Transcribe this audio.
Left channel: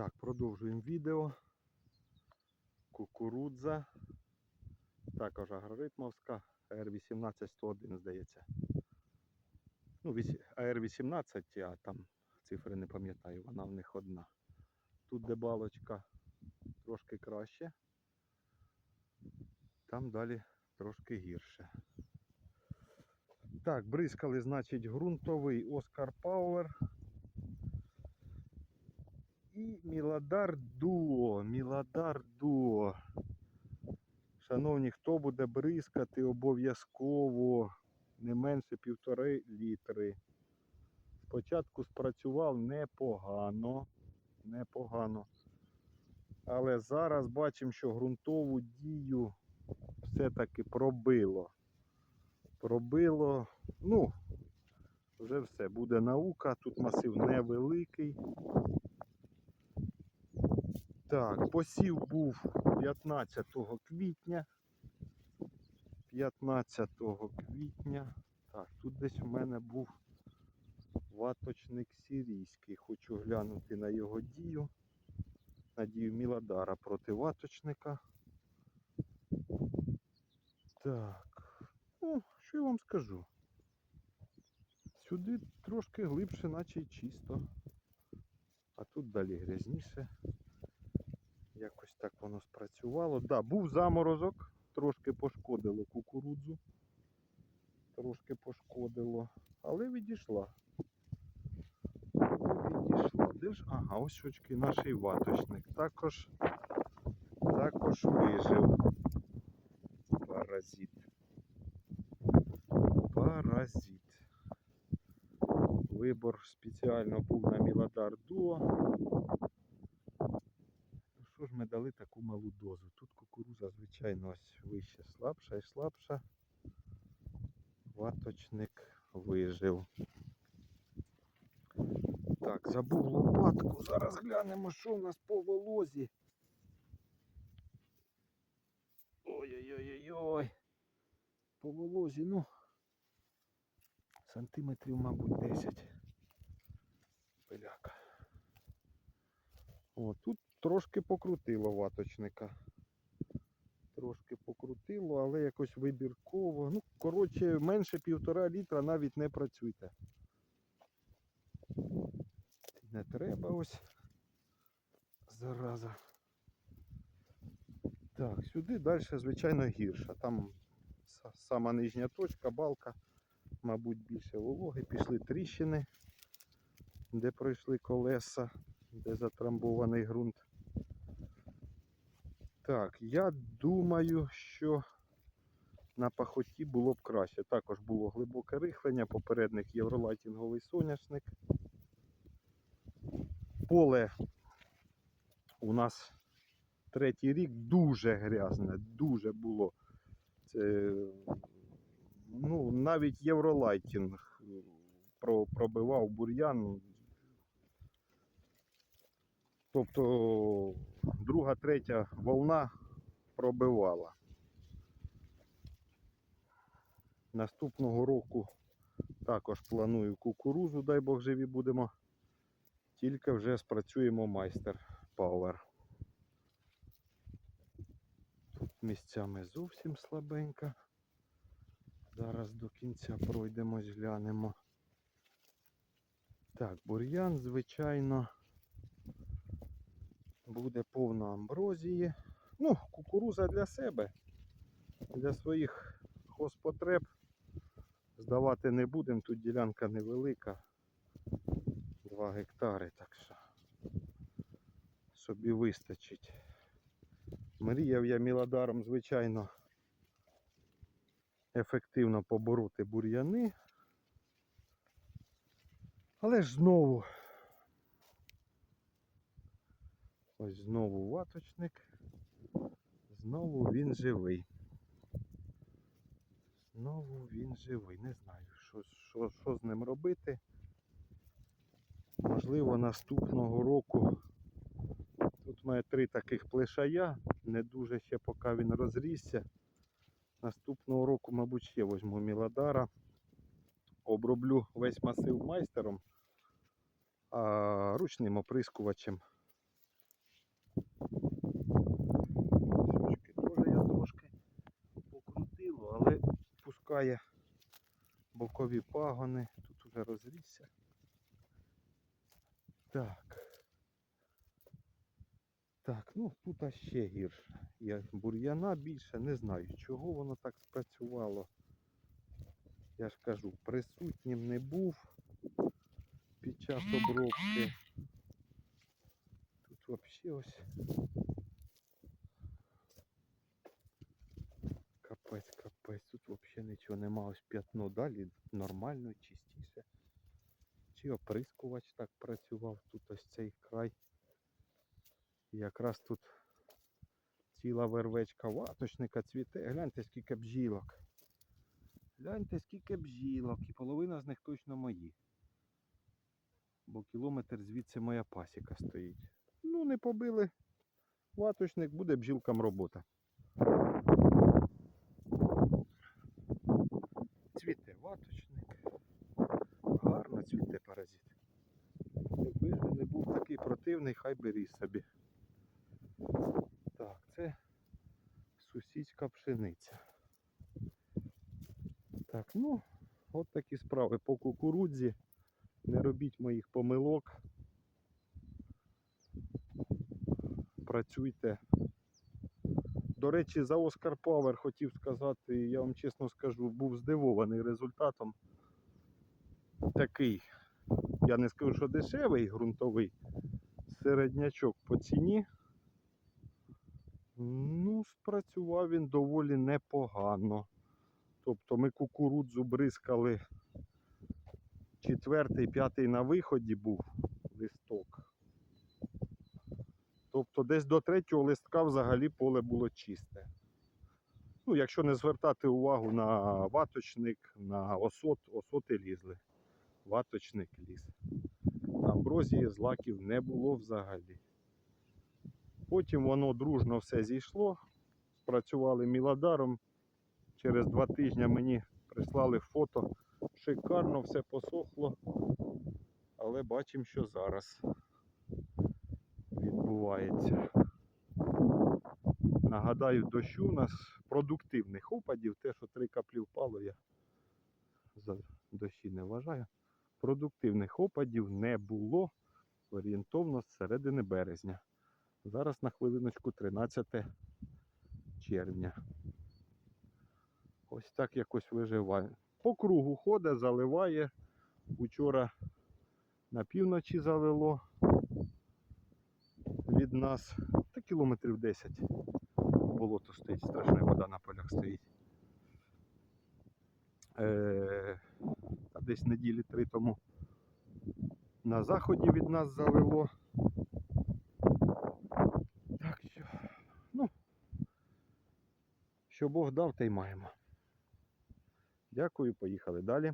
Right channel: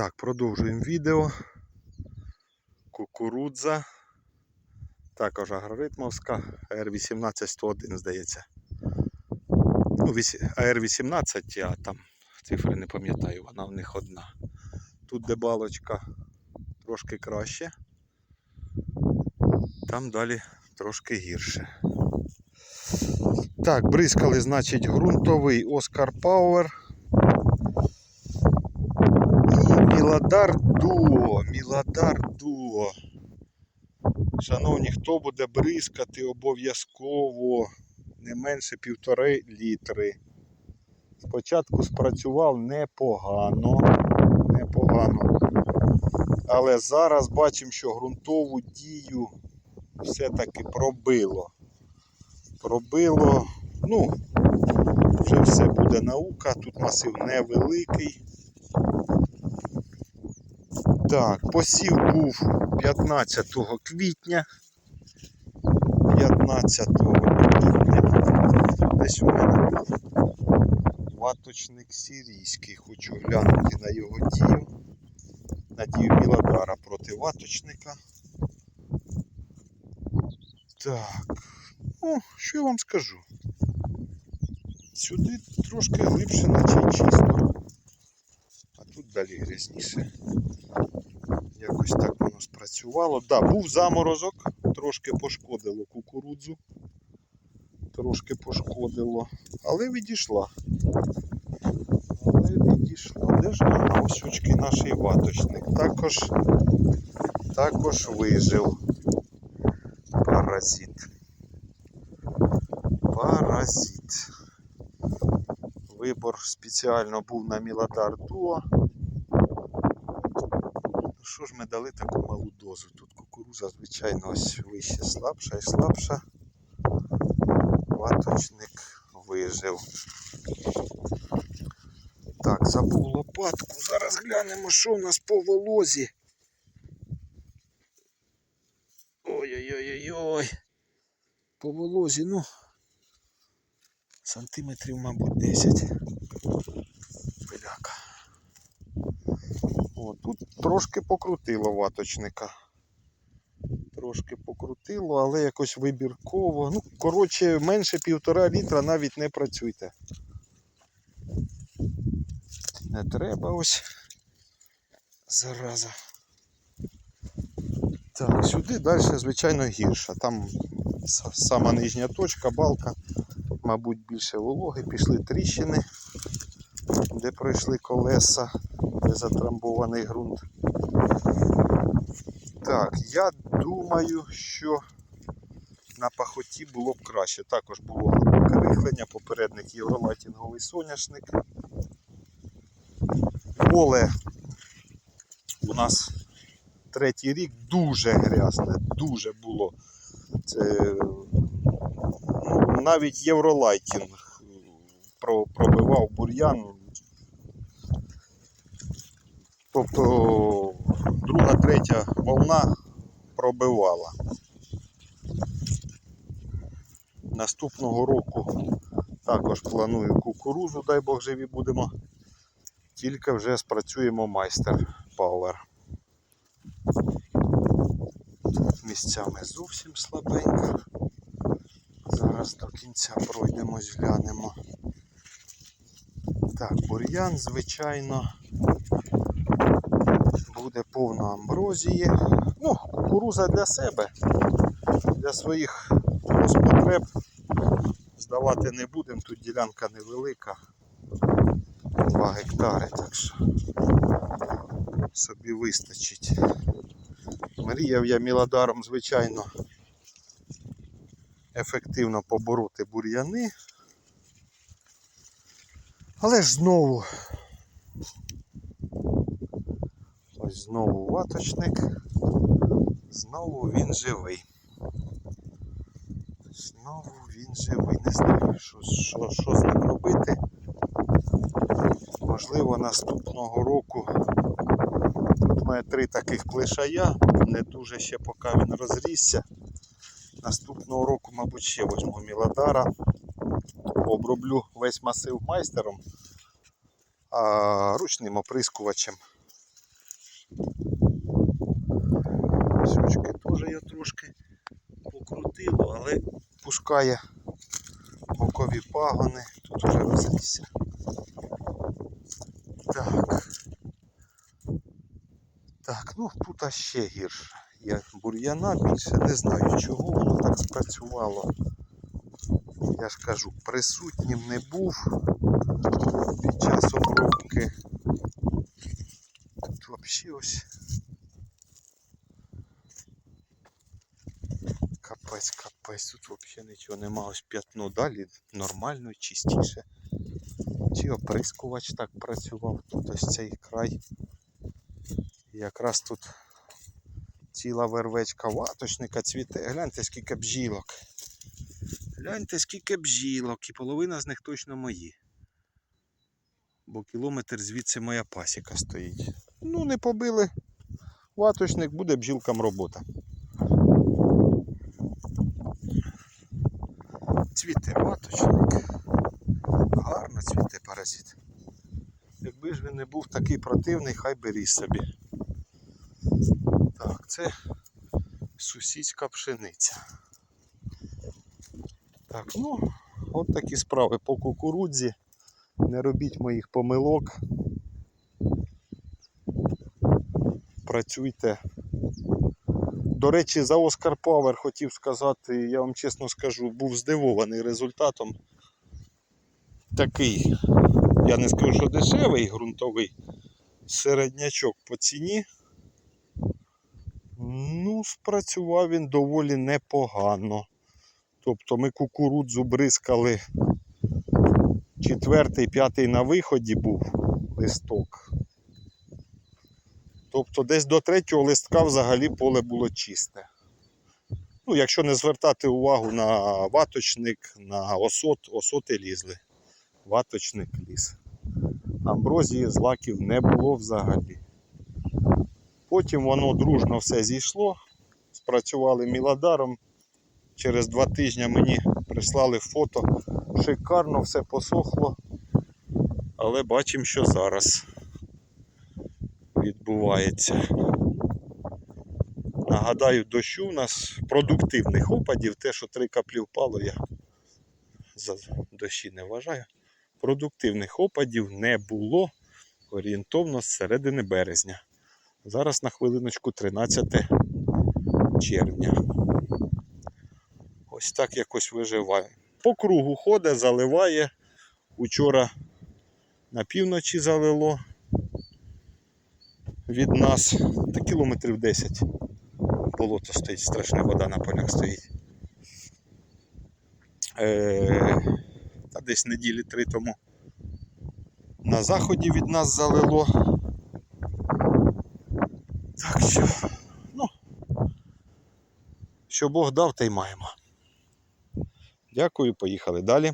Так, продовжуємо відео. Кукурудза. Також агроритмовська АР-181, здається. Ну, вісь- АР-18, а там цифри не пам'ятаю, вона в них одна. Тут де балочка трошки краще. Там далі трошки гірше. Так, бризкали, значить, ґрунтовий Оскар Пауер. І Міладар Дуо. Міладар Дуо. Шановні, хто буде бризкати обов'язково не менше півтори літри. Спочатку спрацював непогано. Непогано. Але зараз бачимо, що ґрунтову дію все-таки пробило. Пробило, ну, вже все буде наука, тут масив невеликий. Так, посів був 15 квітня. 15 квітня. Десь у мене був ваточник сирійський. Хочу глянути на його дію. На дію Міладара проти ваточника. Так. Ну, що я вам скажу? Сюди трошки глибше, наче чисто. А тут далі грязніше. Якось так воно спрацювало. Да, був заморозок, трошки пошкодило кукурудзу. Трошки пошкодило, але відійшла. Але відійшла. Де ж ага, ось очки наш ваточник. Також, також вижив паразит. Паразит. Вибор спеціально був на Міладар Дуо. Що ж ми дали таку малу дозу? Тут кукуруза, звичайно, ось вище слабша і слабша. Ваточник вижив. Так, забув лопатку. Зараз глянемо, що у нас по волозі. Ой-ой-ой-ой-ой. По волозі, ну, сантиметрів, мабуть, 10. О, тут трошки покрутило ваточника. Трошки покрутило, але якось вибірково. Ну, коротше, менше півтора літра навіть не працюйте. Не треба ось. Зараза. Так, сюди далі, звичайно, гірше. Там сама нижня точка, балка, мабуть, більше вологи, пішли тріщини, де пройшли колеса, де затрамбований ґрунт. Так, я думаю, що на пахоті було б краще. Також було глибоке рихлення, попередник євролайтінговий соняшник. Поле у нас третій рік дуже грязне, дуже було. Це ну, навіть євролайтінг пробивав бур'ян. Тобто друга, третя волна пробивала. Наступного року також планую кукурузу, дай Бог живі будемо. Тільки вже спрацюємо майстер Power. Місцями зовсім слабенько. Зараз до кінця пройдемось, глянемо. Так, бур'ян, звичайно, буде повно амброзії. Ну, кукуруза для себе, для своїх госпотреб. Здавати не будемо, тут ділянка невелика. 2 гектари, так що собі вистачить. Мріяв я міладаром, звичайно, ефективно побороти бур'яни. Але ж знову ось знову ваточник, знову він живий. Знову він живий. Не знаю, що, що, що з ним робити. Можливо, наступного року тут має три таких клишая, не дуже ще поки він розрісся. Наступного року, мабуть, ще візьму Міладара. Оброблю весь масив майстером, а ручним оприскувачем Ось теж я трошки покрутило, але пускає бокові пагони. Тут вже розрісся. Так. Так, ну тут ще гірше. Я бур'яна більше не знаю, чого воно так спрацювало. Я ж кажу, присутнім не був під час обробки. Взагалі ось. Капець, капець, тут взагалі нічого нема, ось п'ятно далі нормально, чистіше. Чи оприскувач так працював, тут ось цей край. Якраз тут ціла вервечка ваточника цвіте. Гляньте, скільки бджілок. Гляньте, скільки бджілок, і половина з них точно мої. Бо кілометр звідси моя пасіка стоїть. Ну, не побили. Ваточник буде бджілкам робота. Цвіте ваточник. Гарно цвіте паразит. Якби ж він не був такий противний, хай би ріс собі. Так, це сусідська пшениця. Так, ну, от такі справи по кукурудзі. Не робіть моїх помилок. Працюйте. До речі, за Оскар Павер хотів сказати, я вам чесно скажу, був здивований результатом. Такий, я не скажу, що дешевий ґрунтовий середнячок по ціні. Ну, спрацював він доволі непогано. Тобто ми кукурудзу бризкали четвертий, п'ятий на виході був листок. Тобто десь до третього листка взагалі поле було чисте. Ну, якщо не звертати увагу на ваточник, на осот, осоти лізли. Ваточник ліз. Амброзії злаків не було взагалі. Потім воно дружно все зійшло, спрацювали міладаром. Через два тижні мені прислали фото. Шикарно все посохло. Але бачимо, що зараз відбувається. Нагадаю, дощу у нас продуктивних опадів, те, що три каплі впало, я за дощі не вважаю. Продуктивних опадів не було орієнтовно з середини березня. Зараз на хвилиночку 13 червня. Ось так якось виживає. По кругу ходить, заливає. Учора на півночі залило від нас та кілометрів 10. Болото стоїть, страшна вода на полях стоїть. Е, та десь неділі три тому на заході від нас залило. Так що, ну, що Бог дав, те й маємо. Дякую, поїхали далі.